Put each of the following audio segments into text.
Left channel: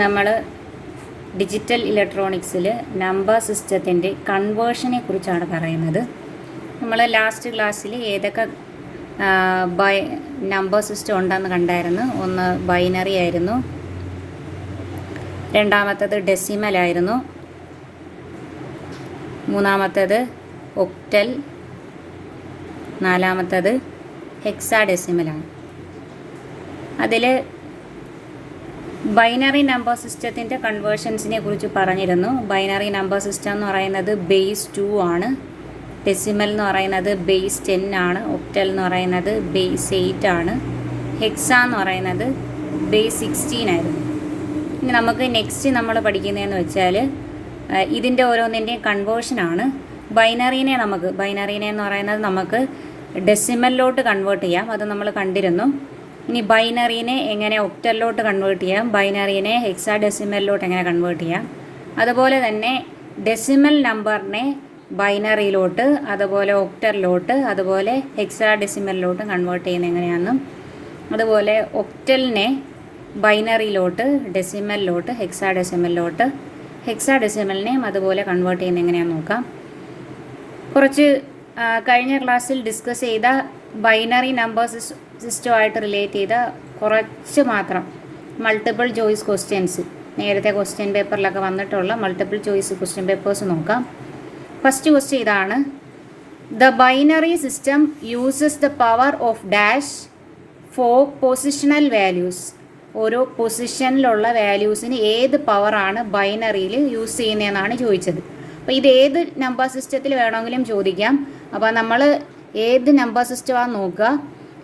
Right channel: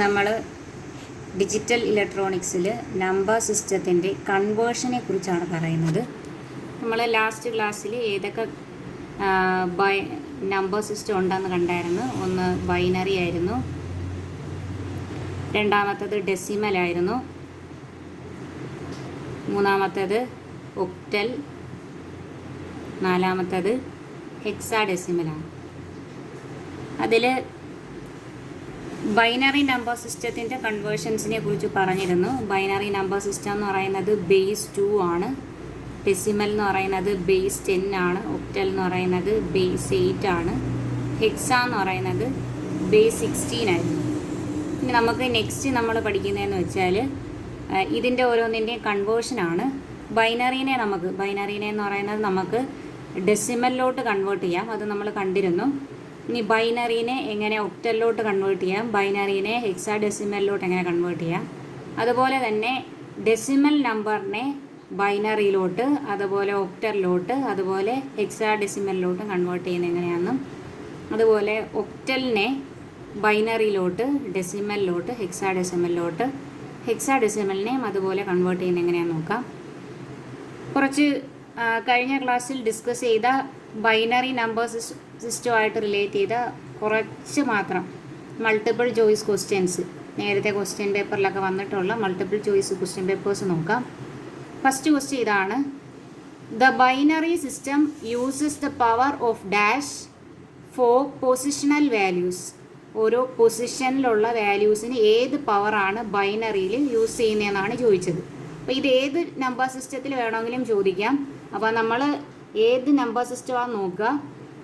നമ്മൾ digital ഇലക്ട്രോണിക്സിൽ number സിസ്റ്റത്തിൻ്റെ കൺവേർഷനെ കുറിച്ചാണ് പറയുന്നത്. നമ്മൾ ലാസ്റ്റ് ക്ലാസ്സിൽ ഏതൊക്കെ നമ്പർ സിസ്റ്റം ഉണ്ടെന്ന് കണ്ടായിരുന്നു. ഒന്ന് ബൈനറി ആയിരുന്നു, രണ്ടാമത്തേത് ഡെസിമൽ ആയിരുന്നു, മൂന്നാമത്തേത് ഒക്ടൽ, നാലാമത്തേത് ഹെക്സാഡെസിമലാണ്. അതിൽ ബൈനറി നമ്പർ സിസ്റ്റത്തിൻ്റെ കൺവേർഷൻസിനെ കുറിച്ച് പറഞ്ഞിരുന്നു. ബൈനറി നമ്പർ സിസ്റ്റം എന്ന് പറയുന്നത് ബേസ് 2 ആണ്, ഡെസിമൽ എന്ന് പറയുന്നത് ബേസ് 10 ആണ്, ഒക്ടൽ എന്ന് പറയുന്നത് ബേസ് 8 ആണ്, ഹെക്സ എന്ന് പറയുന്നത് ബേസ് 16 ആയിരുന്നു. ഇനി നമുക്ക് നെക്സ്റ്റ് നമ്മൾ പഠിക്കുന്നതെന്ന് വെച്ചാൽ ഇതിൻ്റെ ഓരോന്നിൻ്റെയും കൺവേർഷനാണ്. ബൈനറീനെ എന്ന് പറയുന്നത് നമുക്ക് ഡെസിമലിലോട്ട് കൺവേർട്ട് ചെയ്യാം, അത് നമ്മൾ കണ്ടിരുന്നു. ഇനി ബൈനറീനെ എങ്ങനെ ഒക്ടലിലോട്ട് കൺവേർട്ട് ചെയ്യാം, ബൈനറീനെ ഹെക്സാഡെസിമലിലോട്ട് എങ്ങനെ കൺവേർട്ട് ചെയ്യാം, അതുപോലെ തന്നെ ഡെസിമൽ നമ്പറിനെ ബൈനറിയിലോട്ട്, അതുപോലെ ഒക്ടലിലോട്ട്, അതുപോലെ ഹെക്സാഡെസിമലിലോട്ട് കൺവേർട്ട് ചെയ്യുന്നത് എങ്ങനെയാണെന്നും, അതുപോലെ ഒക്ടലിനെ ബൈനറിയിലോട്ട്, ഡെസിമലിലോട്ട്, ഹെക്സാഡെസിമലിലോട്ട്, ഹെക്സാഡെസിമലിനെയും അതുപോലെ കൺവേർട്ട് ചെയ്യുന്നത് എങ്ങനെയാണെന്ന് നോക്കാം. കുറച്ച് കഴിഞ്ഞ ക്ലാസ്സിൽ ഡിസ്കസ് ചെയ്ത ബൈനറി നമ്പർ സിസ്റ്റമായിട്ട് റിലേറ്റ് ചെയ്ത കുറച്ച് മാത്രം മൾട്ടിപ്പിൾ ചോയ്സ് ക്വസ്റ്റ്യൻസ്, നേരത്തെ ക്വസ്റ്റ്യൻ പേപ്പറിലൊക്കെ വന്നിട്ടുള്ള മൾട്ടിപ്പിൾ ചോയ്സ് ക്വസ്റ്റ്യൻ പേപ്പേഴ്സ് നോക്കാം. ഫസ്റ്റ് ക്വസ്റ്റ്യൻ ഇതാണ്: the binary system uses the power of dash for positional values. ഓരോ പൊസിഷനിലുള്ള വാല്യൂസിന് ഏത് പവറാണ് ബൈനറിയിൽ യൂസ് ചെയ്യുന്നതെന്നാണ് ചോദിച്ചത്. അപ്പോൾ ഇത് ഏത് നമ്പർ സിസ്റ്റത്തിൽ വേണമെങ്കിലും ചോദിക്കാം. അപ്പോൾ നമ്മൾ ഏത് നമ്പർ സിസ്റ്റമാണെന്ന് നോക്കുക.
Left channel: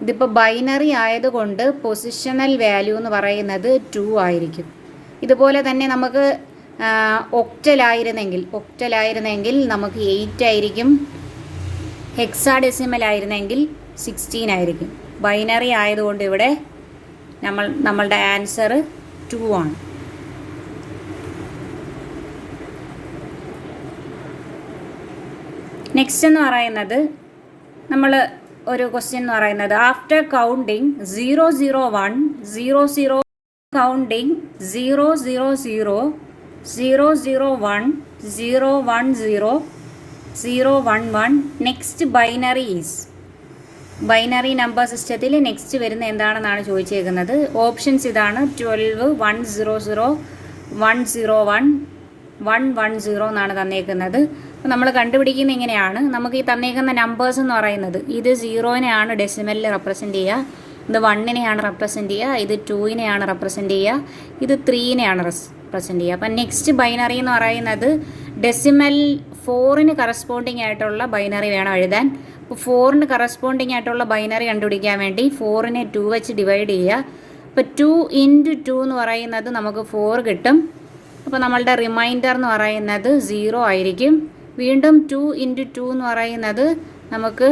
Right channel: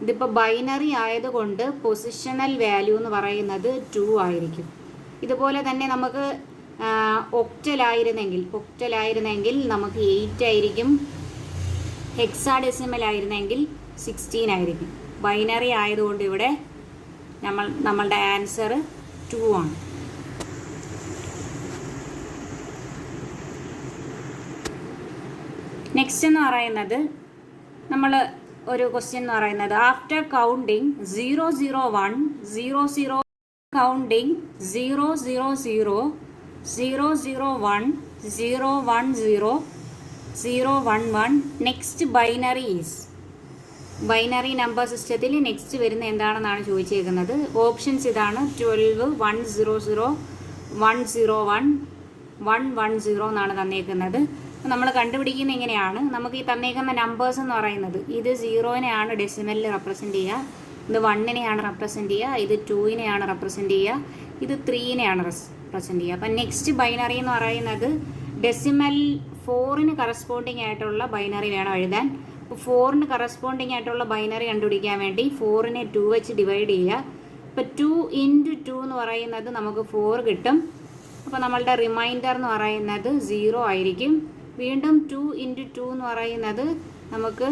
ഇതിപ്പോൾ ബൈനറി ആയതുകൊണ്ട് പൊസിഷണൽ വാല്യൂ എന്ന് പറയുന്നത് 2 ആയിരിക്കും. ഇതുപോലെ തന്നെ നമുക്ക് ഒക്ടലായിരുന്നെങ്കിൽ നമുക്ക് 8 ആയിരിക്കും, ഹെക്സാഡെസിമൽ ആയിരുന്നെങ്കിൽ 16 ആയിരിക്കും. ബൈനറി ആയതുകൊണ്ട് ഇവിടെ നമ്മളുടെ ആൻസർ 2 ആണ്. നെക്സ്റ്റ് എന്ന് പറയുന്നത് നമ്മൾ ഒരു ക്വസ്റ്റ്യൻ എന്ന് പറയുന്നത് after counting 001 00 counting 000 001 010 011 next binary is. Binary number സിസ്റ്റത്തിൽ നെക്സ്റ്റ് വരുന്ന എന്താണെന്നാണ് ചോദിച്ചേക്കുന്നത്. ഓപ്ഷൻസ് ഇതാണ്: 12 100 101 110 എന്നാണ് തന്നേക്കുന്നത്. അപ്പോൾ നമ്മൾ കണ്ടുപിടിക്കുന്നത് എങ്ങനെയാണ്? നമുക്ക് ഈ തന്നേക്കുന്ന നമ്പേഴ്സ് എന്ന് പറയുന്നത് ഇത് 0നെയാണ് ഡെസിമലിൽ റെപ്രസെൻറ്റ് ചെയ്യുക, ഇത് 1നെയാണ് റെപ്രസെൻറ്റ് ചെയ്യുക, ഇത് 2നെയാണ് റെപ്രസെൻറ്റ് ചെയ്യുക, ഇത് 3നെയാണ് റെപ്രസെൻറ്റ് ചെയ്യുക. അപ്പം നെക്സ്റ്റ് ബൈനറി എന്ന് പറയുന്നത് ഡെസിമൽ 4ന് കറസ്പോണ്ടിങ് ആയിട്ടുള്ള ബൈനറി വേണം എഴുതാൻ. അപ്പോൾ 4ന് കറസ്പോണ്ടിങ് ആയിട്ടുള്ള ബൈനറി കണ്ടുപിടിക്കാൻ വേണ്ടി 4നെ 2 വെച്ച് ഡിവൈഡ് ചെയ്യുക. അപ്പോൾ 2 × 2 എന്ന് പറയുന്നത് നമുക്ക് 4 കിട്ടും. അപ്പോൾ നമ്മളുടെ റിമൈൻഡർ എന്ന് പറയുന്നത് 0 ആയിരിക്കും. വീണ്ടും 2 × 2 എന്ന് പറയുന്നത് നമുക്ക്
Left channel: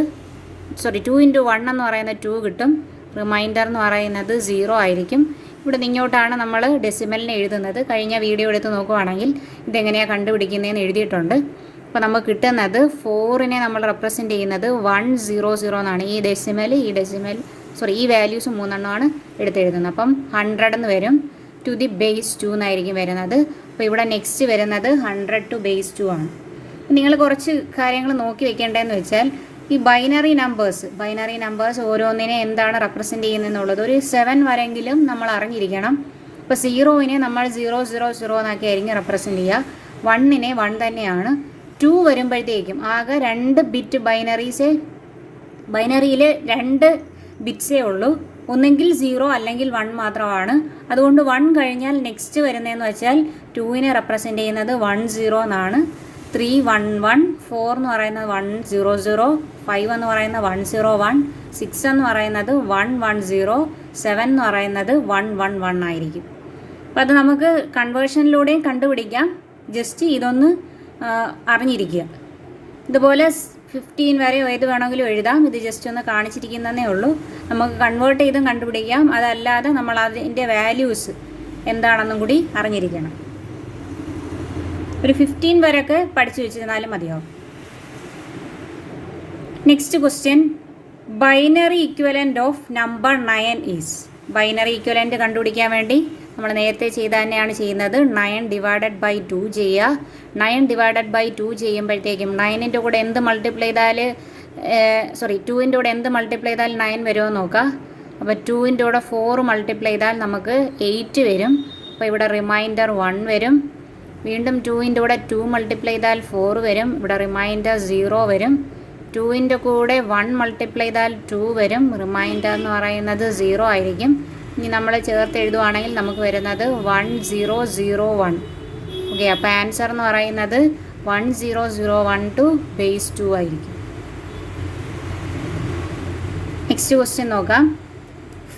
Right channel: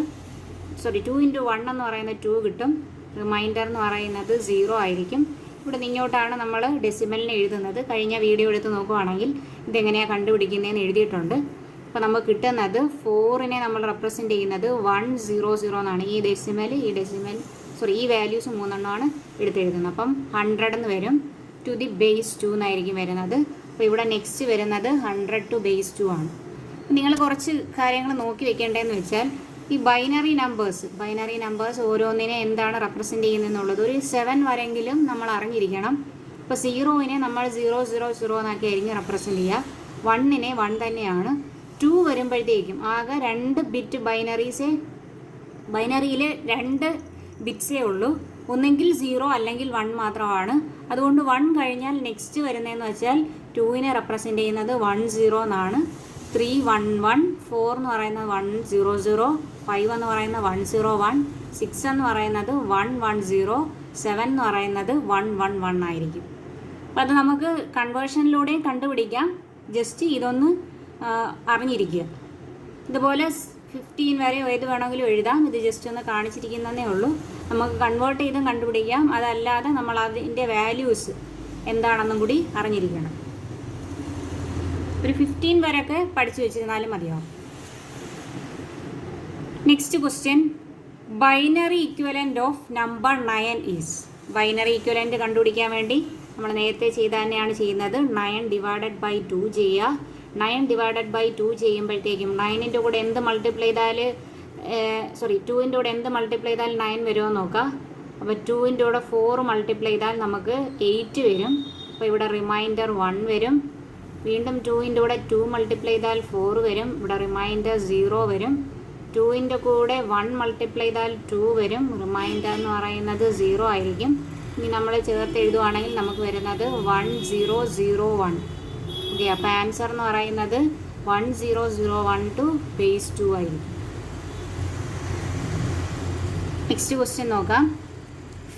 2 × 1 എന്ന് പറയുന്നത് 2 കിട്ടും. റിമൈൻഡർ എന്ന് പറയുന്നത് 0 ആയിരിക്കും. ഇവിടെ നിങ്ങോട്ടാണ് നമ്മൾ ഡെസിമലിനെ എഴുതുന്നത്. കഴിഞ്ഞ വീഡിയോ എടുത്ത് നോക്കുവാണെങ്കിൽ ഇതെങ്ങനെയാണ് കണ്ടുപിടിക്കുന്നതെന്ന് എഴുതിയിട്ടുണ്ട്. അപ്പോൾ നമുക്ക് കിട്ടുന്നത് 4നെ നമ്മൾ റെപ്രസെൻറ്റ് ചെയ്യുന്നത് 100 എന്നാണ്. ഈ വാല്യൂസ് 3 എടുത്തെഴുതുന്നത്. അപ്പം 100 എന്ന് വരും, ടു ദി ബേസ് 2 എന്നായിരിക്കും വരുന്നത്. അപ്പോൾ ഇവിടെ നെക്സ്റ്റ് വരുന്നത് 100 to base 2 ആണ്. നിങ്ങൾ കുറച്ച് കാര്യങ്ങൾ നോക്കി വെക്കേണ്ടതെന്ന് വെച്ചാൽ ഈ ബൈനറി നമ്പേഴ്സ് ഓരോന്നിനെ എന്താണ് റെപ്രസെൻറ്റ് ചെയ്യുന്നതെന്നുള്ളത് ഒരു 7 വരെങ്കിലും നമ്മൾ അറിഞ്ഞിരിക്കണം. ഇപ്പോൾ 0നെ നമ്മൾ 000 എന്നാക്കി ആയിരിക്കും റെപ്രസെൻറ്റ് ചെയ്യുക. 1നെ 1 തന്നെയാണ്. 2 വരുമ്പോഴത്തേക്കും ആകെ 2 ബിറ്റ് ബൈനറിയിൽ 2 ബിറ്റ്സേ ഉള്ളൂ. ഒന്നെങ്കിൽ 0 അല്ലെങ്കിൽ 1 മാത്രമാണ്. അതുകൊണ്ട് 1 കഴിഞ്ഞാൽ നെക്സ്റ്റ് വരുന്നതെന്ന് വെച്ചാൽ 2നെ റെപ്രസെൻറ്റ് ചെയ്യുന്നത് 10 എന്നാണ്. 311 4 എന്ന് പറയുന്നത് 100 5 എന്ന് പറയുന്നത് 101 6 എന്ന് പറയുന്നത് 110 7 എന്ന് പറയുന്നത് 111 ആയിരിക്കും. അപ്പോൾ അത് നമുക്ക് കൺവേർഷനിലൂടെയും കണ്ടുപിടിക്കാം. ജസ്റ്റ് ഇതൊന്ന് അറിഞ്ഞിരിക്കുക. ഇതുപോലെ 15 വരെ ഏത് വേണമെങ്കിലും എഴുതാം. ഇത് ജസ്റ്റ് ഒന്ന് കാണിച്ചിരിക്കുന്നതേ ഉള്ളൂ. നമുക്ക് കൺവേർട്ട് ചെയ്തും കണ്ടുപിടിക്കാം. അതല്ലാതെ നമ്മൾ അതിൻ്റെ വാല്യൂസ് എന്താണെന്നും കൂടി അറിഞ്ഞിരിക്കണം. ഒരു 15 വരെയൊക്കെ പഠിച്ചു വെച്ചിരുന്നാലും മതിയാവും. Next question: binary equivalent of number 9 is. Binary equivalent കണ്ടുപിടിക്കാൻ വേണ്ടി നമ്മൾ നേരത്തെ ചെയ്ത തന്നെയാണ് ചെയ്യുന്നത്. 9 ഡിവൈഡഡ് ബൈ 2 ചെയ്യുക. 9 ഡിവൈഡഡ് ബൈ 2 ചെയ്യുമ്പോഴത്തേക്കും 9ൻ്റെ കൂടെ എന്ത് മൾട്ടിപ്ലൈ ചെയ്താൽ 2ൻ്റെ കൂടെ എന്ത് മൾട്ടിപ്ലൈ ചെയ്താൽ 9 വരുമോ നോക്കുക. അപ്പോൾ 2ൻ്റെ കൂടെ 4 മൾട്ടിപ്ലൈ ചെയ്താൽ നമുക്ക് 8 വരും. അപ്പോൾ ഇവിടെ റിമൈൻഡർ 1 വരും. വീണ്ടും 2ൻ്റെ കൂടെ 2 മൾട്ടിപ്ലൈ ചെയ്താൽ 4 വരും. ഇവിടെ റിമൈൻഡർ 0 വരും. 2ൻ്റെ കൂടെ 1 മൾട്ടിപ്ലൈ ചെയ്താൽ 2 വരും. റിമൈൻഡർ എന്ന് പറയുന്നത് 0 ആയിരിക്കും. ഇനി നമ്മൾ ചേർത്ത് എഴുതുവാണെങ്കിൽ നമുക്ക് വരുന്നത് 1001. ഓക്കെ, അപ്പോൾ ആൻസർ എന്ന് പറയുന്നത് 1001 ടു ബേസ് 2 ആയിരിക്കും. നെക്സ്റ്റ് ക്വസ്റ്റ്യൻ നോക്കാം.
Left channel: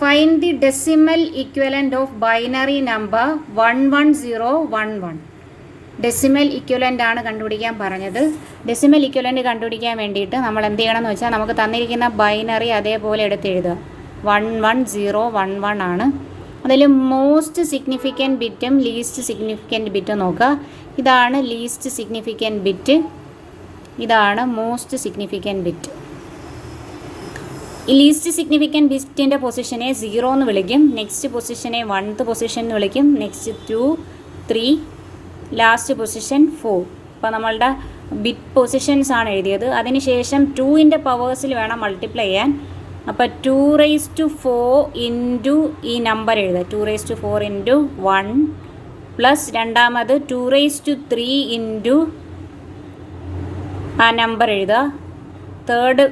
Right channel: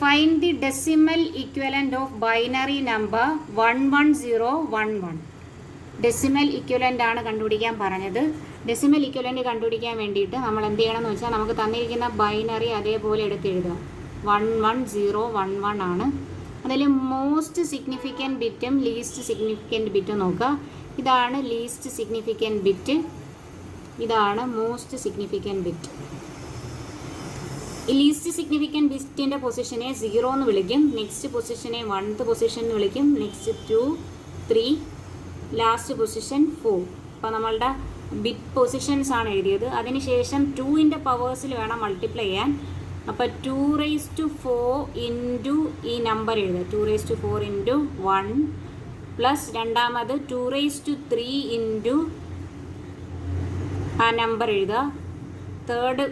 Find the decimal equivalent of binary number 11011. Decimal equivalent ആണ് കണ്ടുപിടിക്കാൻ പറഞ്ഞത്. ഡെസിമൽ ഇക്വലൻ്റ് കണ്ടുപിടിക്കാൻ വേണ്ടിയിട്ട് നമ്മൾ എന്ത് ചെയ്യണം എന്ന് വെച്ചാൽ നമുക്ക് തന്നിരിക്കുന്ന ബൈനറി അതേപോലെ എടുത്തെഴുതുക. 11011 ആണ്. അതിൽ മോസ്റ്റ് സിഗ്നിഫിക്കൻറ്റ് ബിറ്റും ലീസ്റ്റ് സിഗ്നിഫിക്കൻറ്റ് ബിറ്റും നോക്കുക. ഇതാണ് ലീസ്റ്റ് സിഗ്നിഫിക്കൻറ്റ് ബിറ്റ്, ഇതാണ് മോസ്റ്റ് സിഗ്നിഫിക്കൻറ്റ് ബിറ്റ്. ഈ ലീസ്റ്റ് സിഗ്നിഫിക്കൻറ്റ് ബിറ്റിൻ്റെ പൊസിഷനെ 0 എന്ന് വിളിക്കും. നെക്സ്റ്റ് പൊസിഷനെ 1th പൊസിഷൻ എന്ന് വിളിക്കും. Next 2, 3, last position 4. അപ്പോൾ നമ്മളുടെ ബിറ്റ് പൊസിഷൻസ് ആണ് എഴുതിയത്. അതിനുശേഷം 2ൻ്റെ പവേഴ്സിൽ വേണം മൾട്ടിപ്ലൈ ചെയ്യാൻ. അപ്പോൾ 2⁴ ഇൻറ്റു ഈ നമ്പർ എഴുതുക. 2⁴ ഇൻറ്റു 1 പ്ലസ് രണ്ടാമത് 2�3 ഇൻറ്റു ആ നമ്പർ എഴുതുക. തേർഡ്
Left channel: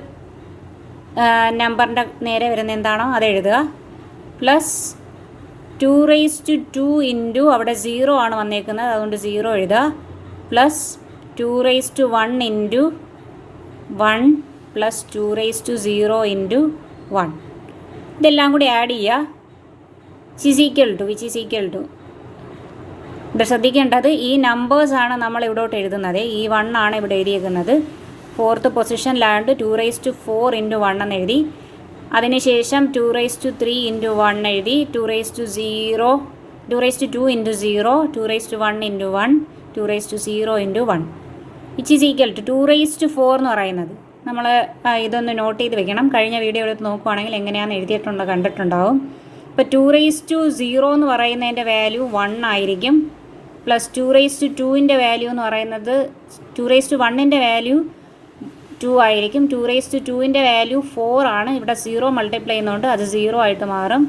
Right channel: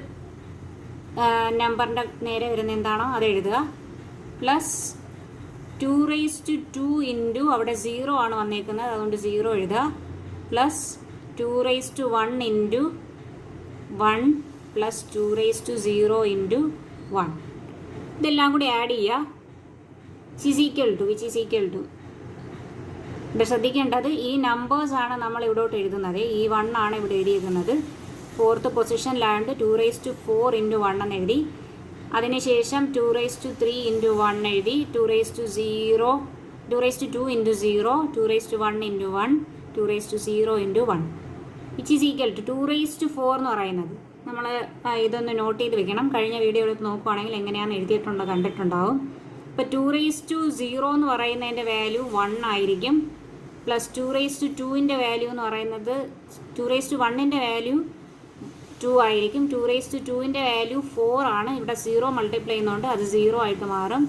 നമ്പറിൻ്റെ നേരെ വരുന്ന എന്താണോ അത് എഴുതുക. പ്ലസ് 2⁻² ഇൻറ്റു അവിടെ 0 ആണ് വന്നേക്കുന്നത്, അതുകൊണ്ട് 0 എഴുതുക. Plus 2⁻1 into 1 plus 2⁻0 into 1. ഇതെല്ലാം കൂടി ആഡ് ചെയ്യുക. വിച്ച് ഈസ് ഈക്വൽ ടു ഇത് ശ്രദ്ധിക്കേണ്ടത് ഈ നമ്പേഴ്സാണ് നമ്മൾ ഇവിടോട്ട് എഴുതുന്നത്. ഈ 1 ആണ് ഇവിടെ എഴുതിയേക്കുന്നത്. 4th പൊസിഷനിലായതുകൊണ്ട് 2⁴ ഇൻറ്റു 1 എന്ന് എഴുതി. അതിനുശേഷം 2�3 ഇൻറ്റു 1 എഴുതി. 2⁻2 into 0, 2⁻1 into 1, 2⁻0 into 1 which is equal to 2⁴ എന്ന് പറയുന്നത്. നമ്മൾ ഇതൊന്ന് നോട്ട് ചെയ്ത് വെക്കണം. കഴിഞ്ഞ വീഡിയോ എടുത്ത് നോക്കുവാണെങ്കിൽ എങ്ങനെയാണെന്ന് എഴുതിയിട്ടുണ്ടോ കണ്ടിട്ടുണ്ടാവും. ഇപ്പോൾ 2⁻0 എന്ന് പറയുന്നതിൻ്റെ വാല്യൂ 1 ആയിരിക്കും. പ്ലസ് 2⁻2ൻ്റെ വാല്യൂ എന്ന് പറയുന്നത് 2⁻1ൻ്റെ വാല്യൂ 2 ആയിരിക്കും. 2⁻2ൻ്റെ വാല്യൂ 4 ആണ്. ഇവിടെ 0 മൾട്ടിപ്ലൈ ചെയ്യുന്നതുകൊണ്ട് അത് 0 ആയിട്ട് മാറും.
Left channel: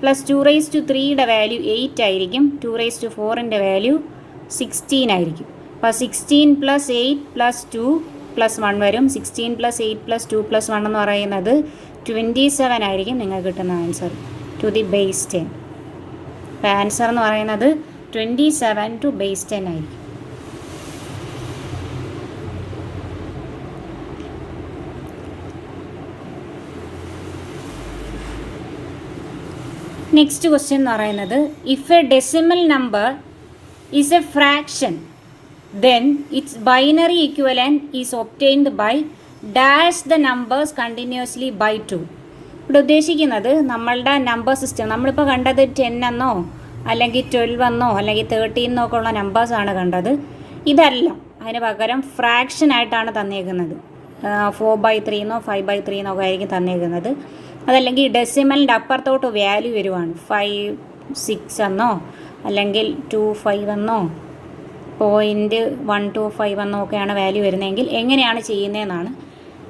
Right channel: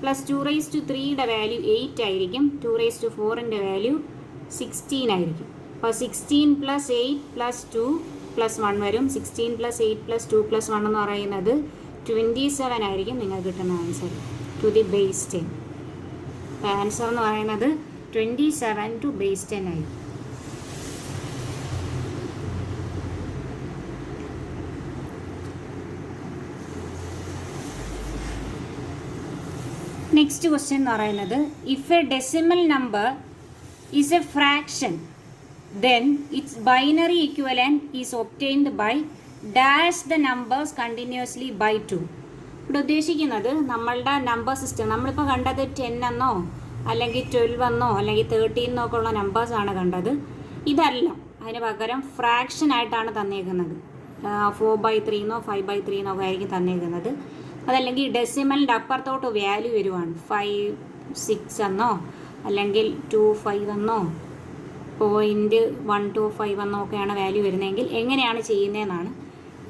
പ്ലസ് 2⁻3യുടെ വാല്യൂ 8 ആയിരിക്കും. 2⁻4ൻ്റെ വാല്യൂ 16 ആയിരിക്കും. അപ്പോൾ 16 പ്ലസ് 8 പ്ലസ് 2 പ്ലസ് 1 വരും. 16 പ്ലസ് 8 പ്ലസ് 2 പ്ലസ് 1 എന്ന് പറയുന്നത് 27 ആയിരിക്കും നിങ്ങൾക്ക് കിട്ടുന്ന ആൻസർ ടു ദി ബേസ് 10. അപ്പോൾ ആൻസർ എന്ന് പറയുന്നത് 27 ടു ബേസ് 10 ആയിരിക്കും. നെക്സ്റ്റ് ക്വസ്റ്റ്യൻ എന്ന് പറയുന്നത് if A decimal number is A fraction then its binary equivalent is obtained by dash the numbers continuously by 2. ഇവിടെ ഉദ്ദേശിക്കുന്നത് നമ്മളുടെ നമ്പർ സിസ്റ്റം നമ്മളിപ്പോൾ കണ്ടത് 10 എന്നോ അല്ലെങ്കിൽ 12 എന്നോ അല്ലെങ്കിൽ 13 എന്നൊക്കെ ഉള്ള നമ്പേഴ്സാണ് കണ്ടത്. ഇതല്ല, അതിന് പകരം ഫ്രാക്ഷൻ ആയിട്ടാണ് തന്നേക്കുന്നത്. 4/3 എന്നോ 5/3 എന്നൊക്കെ ആയിരിക്കും തന്നേക്കുന്നത്. അതല്ലെങ്കിൽ ഡെസിമലിൻ്റെ അപ്പുറത്തോട്ട് വാല്യൂ വരുവാണ്. 5, 6 എന്നോ അല്ലെങ്കിൽ 2, 5 എന്നോ 0.125 എന്നൊക്കെയാണ് വാല്യൂ വരുന്നതെങ്കിൽ എങ്ങനെയാണ് ചെയ്യുന്നതെന്നാണ്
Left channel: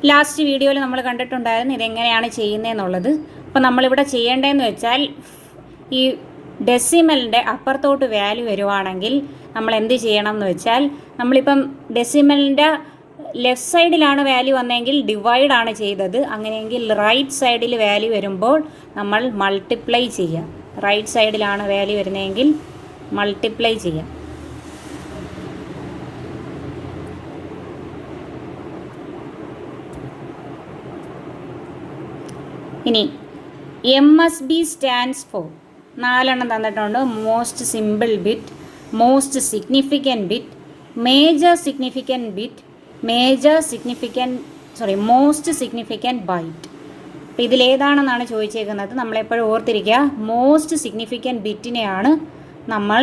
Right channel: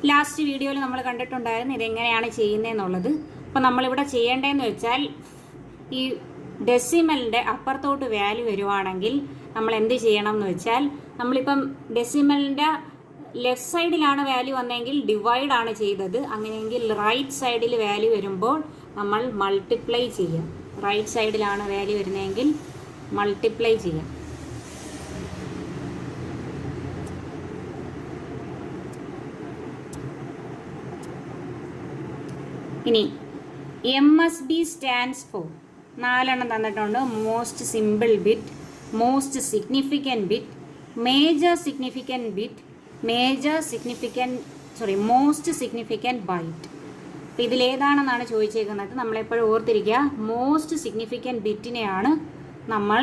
ലാസ്റ്റ് വീഡിയോയിൽ നമ്മൾ കണ്ടിട്ടുണ്ടായിരുന്നു. ഇതെങ്ങനെയാണ് ചെയ്യുന്നതെന്നുള്ളത്. അപ്പോൾ നമ്മളിവിടെ ചെയ്യേണ്ടതെന്ന് വെച്ചാൽ ഈ ഡെസിമലിൻ്റെ അപ്പുറത്തോട്ട് വാല്യൂ വരുവാണെങ്കിൽ നമ്മൾ എന്ത് ചെയ്യണം എന്ന് വെച്ചാൽ നമ്മളിപ്പം ഡെസിമലിൻ്റെ ലെഫ്റ്റ് സൈഡിലാണ് വാല്യൂ വന്നതെങ്കിൽ ഡിവൈഡാണ് ചെയ്തത്. അങ്ങനെയെങ്കിൽ റൈറ്റ് സൈഡിൽ വാല്യൂ വരുമ്പോൾ നമ്മൾ മൾട്ടിപ്ലൈ ചെയ്യാം. റൈറ്റ് സൈഡിലാണ് വാല്യൂ വരുന്നതെങ്കിൽ മൾട്ടിപ്ലൈ ചെയ്യാം. ഇനി MSB സ്റ്റാൻഡ്സ് ഫോർ 4 എണ്ണം തന്നിട്ടുണ്ട്. Most simple bit, most significant bit, most significant byte. അപ്പോൾ ഇതിലേതാണെന്നാണ് ചോദിച്ചേക്കുന്നത്. നമ്മളെപ്പോഴും ഓർത്തിരിക്കുക, മോസ്റ്റ് സിഗ്നിഫിക്കൻറ്റ് ബിറ്റിനെയാണ് നമ്മൾ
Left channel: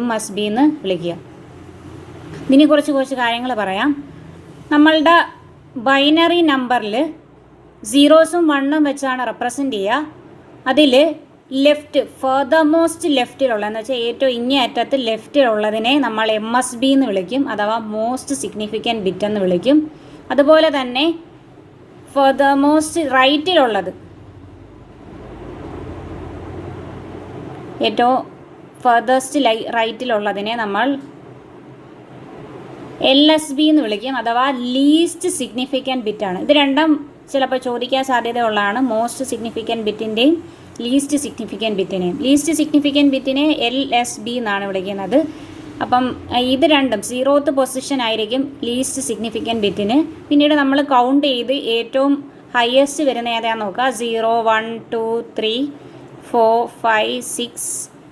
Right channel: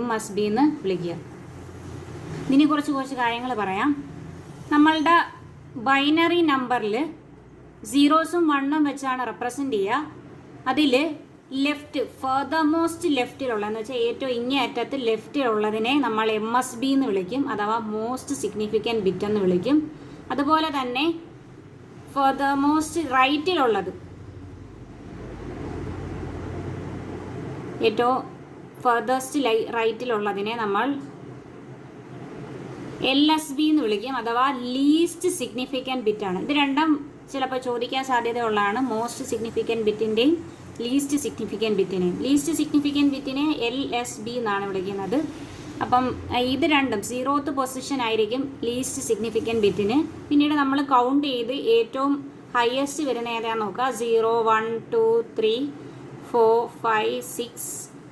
MSB എന്ന് വിളിക്കുക. ഇതിനെ കുറച്ച് കാര്യങ്ങൾ പറയാം. നമ്മളുടെ ബൈനറി നമ്പറിൽ 0s ഉം 1 ഉം വെച്ചാണ് റെപ്രസെൻ്റ് ചെയ്യുക. അതിൽ ഫർദർമോസ്റ്റ് ലെഫ്റ്റിലുള്ള എന്ന് വെച്ചാൽ ഏറ്റവും ഇങ്ങേ അറ്റത്ത് ലെഫ്റ്റിലുള്ളതിനെ നമ്മൾ MSB എന്ന് വിളിക്കും, അഥവാ മോസ്റ്റ് സിഗ്നിഫിക്കൻറ്റ് ബിറ്റ് എന്ന് വിളിക്കും. അതുപോലെ തന്നെ ഫർദർമോസ്റ്റ് റൈറ്റിലുള്ളത്, ഏറ്റവും ഫർദസ്റ്റ് റൈറ്റിലുള്ളതിനെ നമ്മൾ LSB എന്ന് വിളിക്കും, അഥവാ ലീസ്റ്റ് സിഗ്നിഫിക്കൻറ്റ് ബിറ്റാണ്. ഇത് രണ്ടും ചിലപ്പോൾ ചോദിക്കാൻ സാധ്യതയുള്ളതാണ്, മോസ്റ്റ് സിഗ്നിഫിക്കൻറ്റ് ബിറ്റിൻ്റെയും ലീസ്റ്റ് സിഗ്നിഫിക്കൻറ്റ് ബിറ്റിനെയും. ലീസ്റ്റ് സിഗ്നിഫിക്കൻറ്റ് ബിറ്റിനെ LSB എന്നാണ് വിളിക്കുന്നത്. അപ്പം ഇത് രണ്ടും 0th പൊസിഷൻ ആയിരിക്കും ലീസ്റ്റ് സിഗ്നിഫിക്കൻറ്റ് ബിറ്റിന്. പിന്നീട് നമ്മൾ കൗണ്ട് ചെയ്ത് ഏറ്റവും ഹയസ്റ്റ് വരുന്ന ഏതാണെന്ന് നോക്കുക. 0, 1, 2, 3, 4, 5, 6,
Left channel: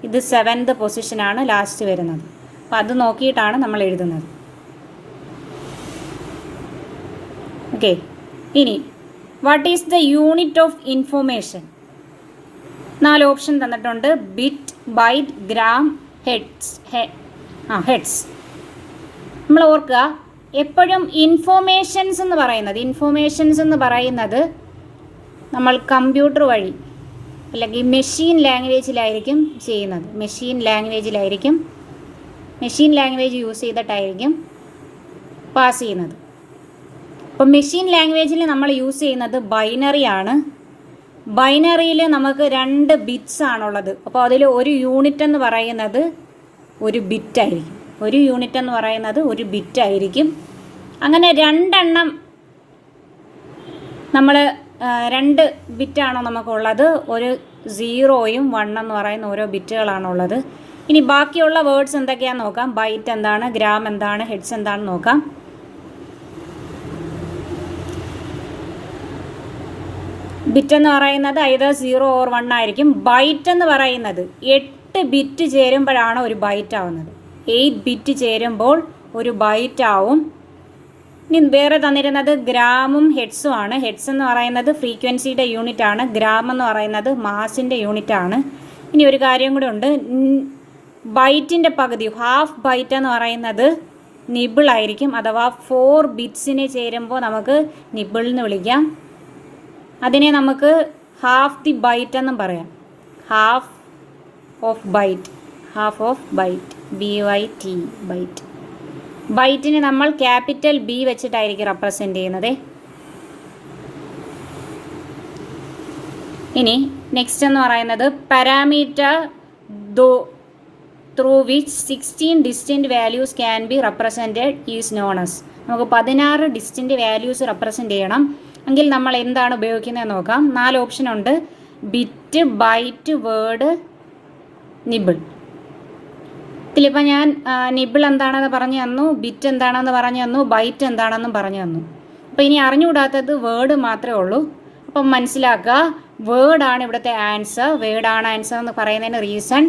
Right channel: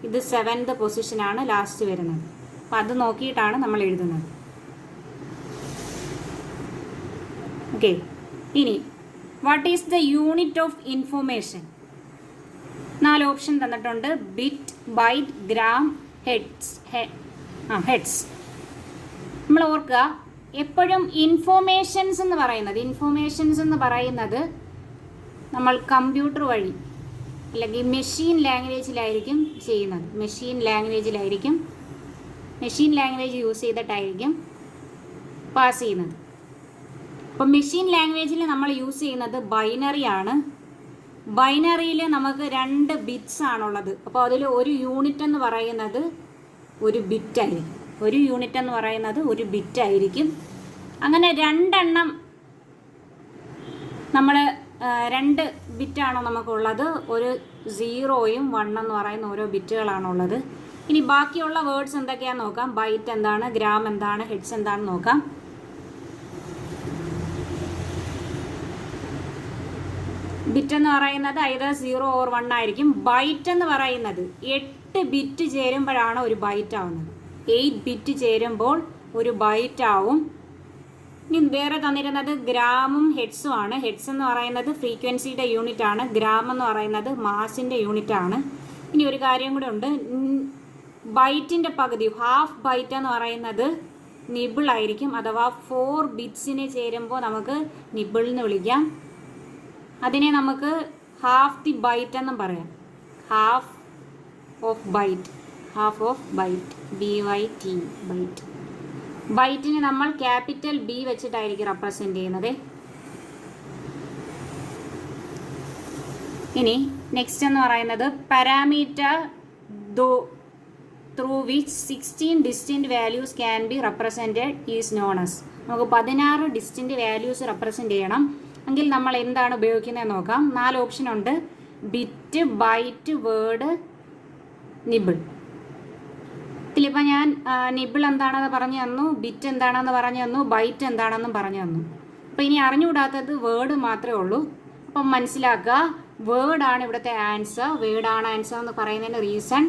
ഇത് 7th പൊസിഷനാണ് ലാസ്റ്റ് വരുന്നത്. അപ്പം അത് നോക്കിയിട്ടാണ് നമ്മൾ എഴുതുന്നത്. ഓക്കെ, ഇനി what is the unit of information? 4 option തന്നിട്ടുണ്ട്. Bit, byte, gram, heads. നമ്മൾ ഓർക്കുക, എപ്പോഴും ഇൻഫോർമേഷൻസ് എന്ന് പറയുന്നത് നമ്മൾ കമ്പ്യൂട്ടർ വഴി അല്ലെങ്കിൽ മെഷീൻ ലാംഗ്വേജിലായിരിക്കും ചെയ്യുന്നത്. മെഷീൻ ലാംഗ്വേജ് യൂസ് ചെയ്തിട്ടായിരിക്കും പാസ് ചെയ്യുന്നത്. അപ്പം മെഷീൻ ലാംഗ്വേജിൽ നമ്മൾ യൂസ് ചെയ്യുന്നത് ബൈനറിയാണ്. ബൈനറിയിൽ നമുക്ക് 2 ബിറ്റ്സ് ആണുള്ളത്. അപ്പോൾ അതിൽ ഒരു യൂണിറ്റ് എന്ന് പറയുന്നത് ഒരു ബിറ്റായിരിക്കും. അങ്ങനെ 2 എണ്ണം നമ്മൾ 2 ബിറ്റാണോ നമുക്കുള്ളത്. ഒരു 0യും 1 എന്ന് പറയുന്ന ഓരോ ബിറ്റുകളാണുള്ളത്. ഇനി ബാക്കിയുള്ള വേർഡ്സ് എന്തൊക്കെയാണെന്ന് നോക്കാം. ബൈറ്റ് എന്താണ്, ഗ്രാം എന്താണ്, ഹെഡ്സ് എന്താണെന്ന് നോക്കാം. ബിറ്റ് എന്ന് പറയുന്നത് ഐദർ 0 or 1 ആയിരിക്കും. ബൈറ്റ് എന്ന് പറയുന്നത് 8 ബിറ്റ് ചേരുമ്പോഴാണ് ഒരു ബൈറ്റ് ആവുന്നത്. 8 ബിറ്റ് ചേരുമ്പോൾ ഒരു ബൈറ്റ് ആവും. ഇനി വേറെ തന്നിരുന്നത് ഗ്രാമും ഹെഡ്സും ആണ്. ഹെഡ്സ് എന്ന് പറയുന്നത് ഫ്രീക്വൻസിയുടെ യൂണിറ്റ് ആണ്. ഗ്രാം എന്ന് പറയുന്നത് മാസിൻ്റെ യൂണിറ്റ് ആണ്. ഇനി ഒരു കാര്യം കൂടെ ഉണ്ട്. ബൈറ്റിൻ്റെ പകുതി, ഹാഫ് ബൈറ്റ് എന്ന് പറയുന്നത് നിബിൾ ആയിരിക്കും, അഥവാ 4 ബിറ്റ്സിനെ ചേരുമ്പോൾ നമുക്ക് നിബിൾ എന്ന് വിളിക്കാം. അതിനെ നമുക്ക് ഹാഫ് ദി ബൈറ്റ് എന്നും പറയാം. Half of byte, BYT, byte. ബൈറ്റിനെ നമ്മൾ ക്യാപിറ്റൽ B വെച്ചിട്ടായിരിക്കും റെപ്രസെൻ്റ് ചെയ്യുന്നത്. ഇനി നെക്സ്റ്റ് എന്ന് പറയുന്നത് parameter through which 16 distinct values can be represented is known as. നമുക്ക് 16 ഡിസ്റ്റിൻറ്റ് വാല്യൂസ് റെപ്രസെൻ്റ് ചെയ്യണം എങ്കിൽ നമ്മൾ എന്താണ് ഉപയോഗിക്കുന്നത് നോക്കാം. 4 ഓപ്ഷൻ ഉണ്ട്. Bit, byte, word, nibble. ഇതിലിപ്പോൾ ഞാൻ നിബിൾ എന്താണെന്ന് പറഞ്ഞു തന്നു, ബിറ്റ് എന്താണെന്ന് പറഞ്ഞു തന്നു, ബൈറ്റ് എന്താണെന്നും പറഞ്ഞു തന്നു. അപ്പോൾ ഇനി അറിഞ്ഞുകൂടാത്തത് വേർഡ് മാത്രമേ ഉള്ളൂ. അപ്പം മനസ്സിലാക്കുക, വേർഡാണ് ഇവിടുത്തെ ആൻസർ. വേർഡാണ് ആൻസർ എന്ന് പറയുന്നതിന് റീസൺ,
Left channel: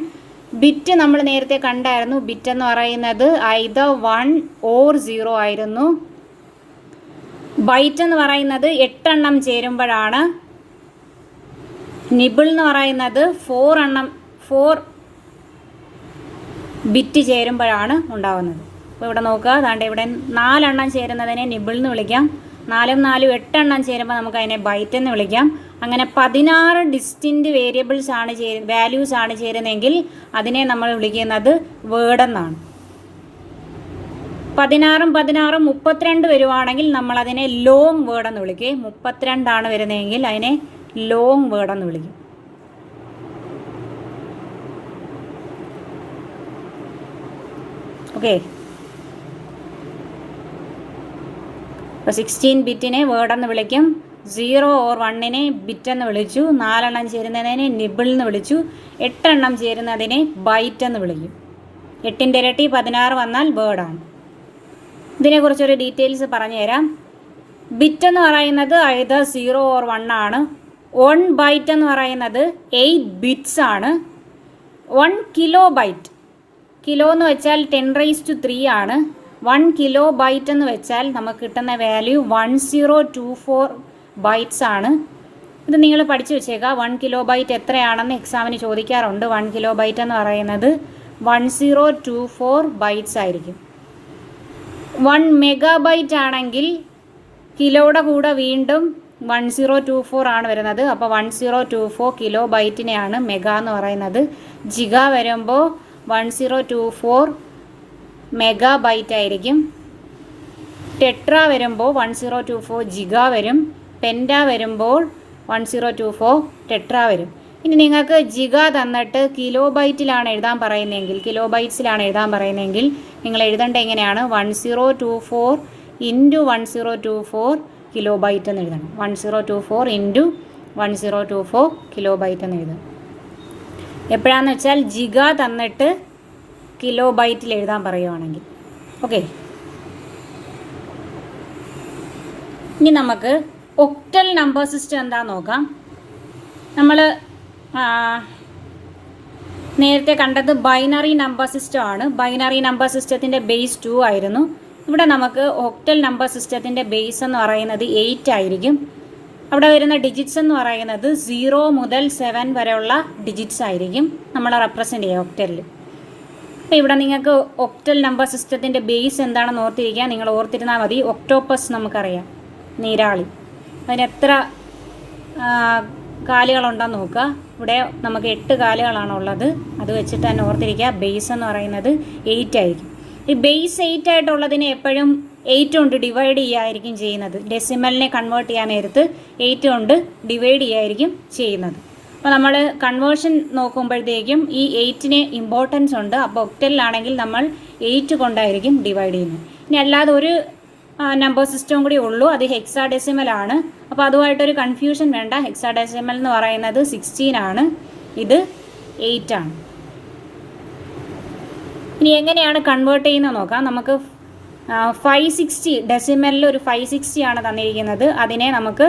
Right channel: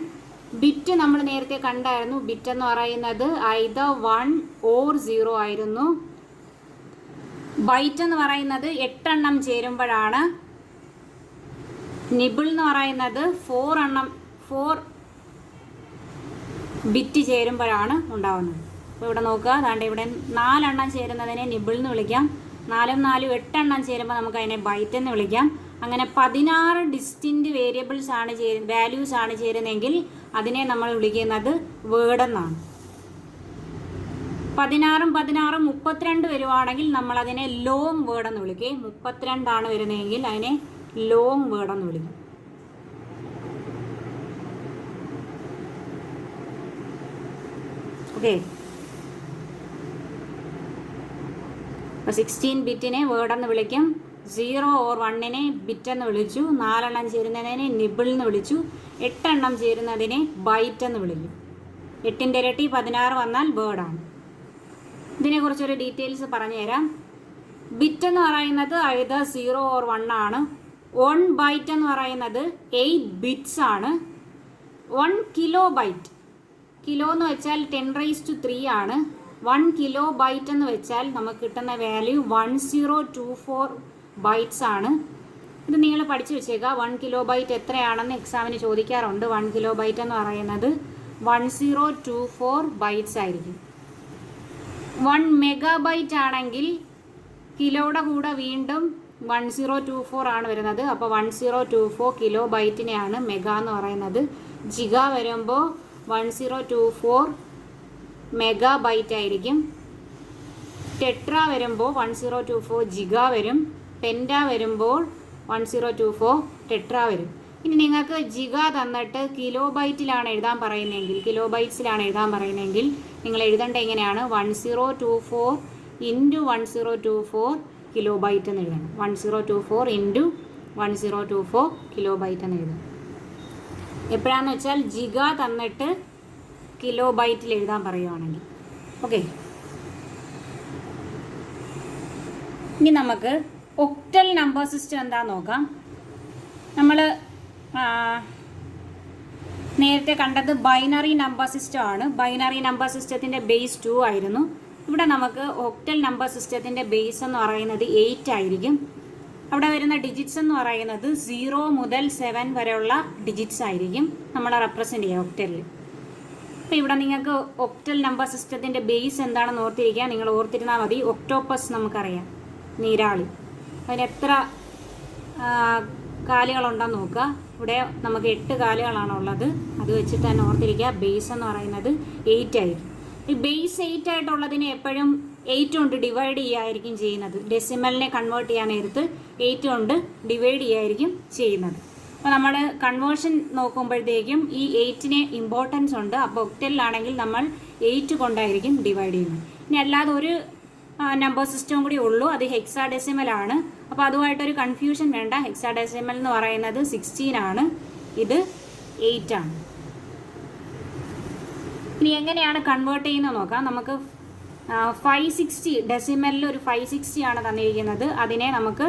ബിറ്റ് നമ്മൾ നേരത്തെ കണ്ടായിരുന്നു. ബിറ്റ് എന്ന് പറയുന്നത് ഐദർ 1 or 0 ആയിരുന്നു. ബൈറ്റ് എന്ന് പറയുന്നത് 8 എണ്ണം ചേരുമ്പോഴാണ്. നിബിൾ എന്ന് പറയുന്നത് 4 ബിറ്റ് ചേരുമ്പോഴാണ് ഉണ്ടാകുന്നത്. അപ്പോൾ ഇവിടെ നോക്കുക, അതാണ്ട് ഇവിടെ 4 എണ്ണം ചേരുന്നതിനെ നിബിൾ എന്ന് വിളിക്കാം. 4 ഉം 4 ഉം 8 എണ്ണം ചേരുമ്പോൾ നമുക്ക് അതിനെ ബൈറ്റ് എന്ന് വിളിക്കാം. അങ്ങനെ 16 ഡിസ്റ്റിൻറ്റ് വാല്യൂസ് ആണ് ചേരുന്നതെങ്കിൽ അതിനെ നമ്മൾ വിളിക്കുന്നത് വേർഡ് എന്നാണ്. 16 32 വരുവാണെങ്കിൽ നമ്മൾ അതിനെ ലോങ് വേർഡ് എന്ന് വിളിക്കും. 32 വരുന്നതെങ്കിൽ അതിനെ ലോങ് വേർഡ് എന്ന് വിളിക്കും. ഓക്കെ, അപ്പോൾ 16 ബിറ്റിനെ വേർഡ് എന്ന് വിളിക്കും. 0 or 1നെ ബിറ്റ് എന്ന് വിളിച്ചു. 4 എണ്ണം ചേരുന്നതിനെ നിബിൾ എന്ന് വിളിച്ചു. 8 എണ്ണം ചേരുന്നതിനെ ബൈറ്റ് എന്ന് വിളിക്കും. 8ൻ്റെ ഇരട്ടി 16 വന്നാൽ വേർഡാണ്. ഇതിനെക്കുറിച്ചൊരു ഡീറ്റെയിൽസ് പറഞ്ഞുതരാം. ബിറ്റ് എന്ന് പറയുന്നത് ഐദർ 0 or 1 ആണ്. 1 ബൈറ്റ് എന്ന് പറയുന്നത് 8 ബിറ്റ്സ് ആണ്. 1 കിലോ ബൈറ്റ്, കിലോ എന്ന് വെച്ചാൽ 10⁻³ ആണ്. 1 കിലോ ബൈറ്റ് എന്ന് വെച്ചാൽ നമുക്ക് കിട്ടുന്ന വാല്യൂ 1024 ബൈറ്റ്സ് ആണ്. ഇത് നിങ്ങൾ പഠിച്ചു വെച്ചേക്കുക. 1 കിലോ ബൈറ്റ് എത്രയാണെന്ന് എക്സാമിന് ചോദിക്കാറുണ്ട്. 1 കിലോ ബൈറ്റ് എന്ന് പറയുന്നത് 1024 ബൈറ്റ്സ് ആയിരിക്കും. 1 മെഗാബൈറ്റ് ആണെങ്കിൽ കിലോയുടെ കൂടെ വീണ്ടും 1024 ആണ് വരുന്നത്. അപ്പോൾ 1024 കിലോ ബൈറ്റിനെയാണ് മെഗാ എന്ന് പറയുന്നത്. ജിഗ വരുമ്പോൾ 1024 മെഗാ ബൈറ്റ് ആയിരിക്കും. ടെട്ര വരുമ്പോൾ 1024 ജിഗ വരും. പെൻറ്റ വരുമ്പോൾ 1024 ടെട്ര വരും. ഇനി നിങ്ങൾക്ക് ജിഗ തന്നിട്ട് കിലോ ബൈറ്റിലാണ് എഴുതാൻ പറയുന്നതെങ്കിൽ, കിലോ ബൈറ്റ്സിലാണ് എഴുതാൻ പറയുന്നതെങ്കിൽ നിങ്ങൾ എഴുതേണ്ട എങ്ങനെയാണ്? 1024 ഇൻറ്റു 1024 കിലോ ബൈറ്റ് എന്ന് എഴുതണം. 1024 ഇൻറ്റു 1024 കിലോ ബൈറ്റ് എന്ന് എഴുതണം. എപ്പോഴാണെന്ന് വെച്ചാൽ ജിഗ തന്നിട്ട് കിലോ ബൈറ്റിൽ എഴുതാൻ പറയുവാണെങ്കിൽ. ഓക്കെ, ഇനി നമുക്ക് ഒക്ടൽ നമ്പർ സിസ്റ്റം എന്താണെന്ന് നോക്കാം. നമ്മൾ നേരത്തെ കണ്ടത് ബൈനറി നമ്പർ സിസ്റ്റം ആണ്. ബൈനറി നമ്പർ സിസ്റ്റത്തിൻ്റെ ബേസ് 2 ആയിരുന്നു. ഇവിടെ നമുക്ക് ഒക്ടൽ നമ്പർ സിസ്റ്റത്തിൻ്റെ ബേസ് എന്ന് പറയുന്നത് 8 ആയിരിക്കും. അവിടെ വരുന്ന ഡിജിറ്റ്സ് എന്ന് പറയുന്നത് 0 മുതൽ 7 വരെയുള്ള ഡിജിറ്റ്സ് ആയിരിക്കും നമ്മൾ റെപ്രസെൻ്റ് ചെയ്യുക ഒക്ടലിൽ. അപ്പോൾ ഇവിടെ നിങ്ങൾക്ക് ഒക്ടൽ നമ്പർ സിസ്റ്റത്തിൻ്റെ ബേസ് എന്താണെന്ന് ഓർത്തിരിക്കുക. നിങ്ങൾ ഓർത്തിരുന്നാൽ മതി. ഒക്ടോപ്പസ് നമുക്കറിയാം, നീരാളി. അതിന് എത്ര കാലുകളുണ്ടെന്ന് നോക്കുക. ഇവിടെ നമുക്ക് 8 കാലുകളാണുള്ളത്. അത് വെച്ചിട്ട് തന്നെ ഓർത്തിരിക്കുക. ബേസ് എന്ന് പറയുന്നത് 8 ആയിരിക്കും. ഈ ബേസ് 8 ആയിട്ടുള്ളതിനെ എപ്പോഴും 8 കൊണ്ട് ഡിവൈഡ് ചെയ്യുകയായിരിക്കും ചെയ്യുന്നത്. ഡെസിമലിനെ കൺവേർട്ട് ചെയ്യാൻ നേരത്ത് 8 കൊണ്ട് ഡിവൈഡ് ചെയ്യുകയായിരിക്കും ചെയ്യുന്നത്. അപ്പോൾ നമ്മൾ കൺവേർഷൻ നോക്കുമ്പോഴത്തേക്കും ഈ 8ന് ഇമ്പോർട്ടൻസ് ഉണ്ട്. അപ്പോൾ ഒക്ടലിലാണെങ്കിൽ നമ്മൾ 8 കൊണ്ടായിരിക്കും ഡിവൈഡ് ചെയ്യുന്നത്. ഇനി അല്ലാതെ ഒരു നമ്പർ സിസ്റ്റവും കൂടി ഉള്ളൂ, അത് ഹെക്സാഡെസിമലാണ്. അപ്പോൾ അതുമായിട്ടൊരു കൺഫ്യൂഷൻ വേണ്ട. ഹെക്സാഡെസിമൽ എന്ന് പറയുന്നത് 16 ആണ്, ഇത് 8 ആണ്. ഇനി എങ്ങനെയാണ് കൺവേർട്ട് ചെയ്യുന്നത് നോക്കാം. നമുക്ക് 560 ഡെസിമലിൽ ഒരു 560 ആണ് തന്നിരിക്കുന്നത്. അതിനെ നമുക്ക്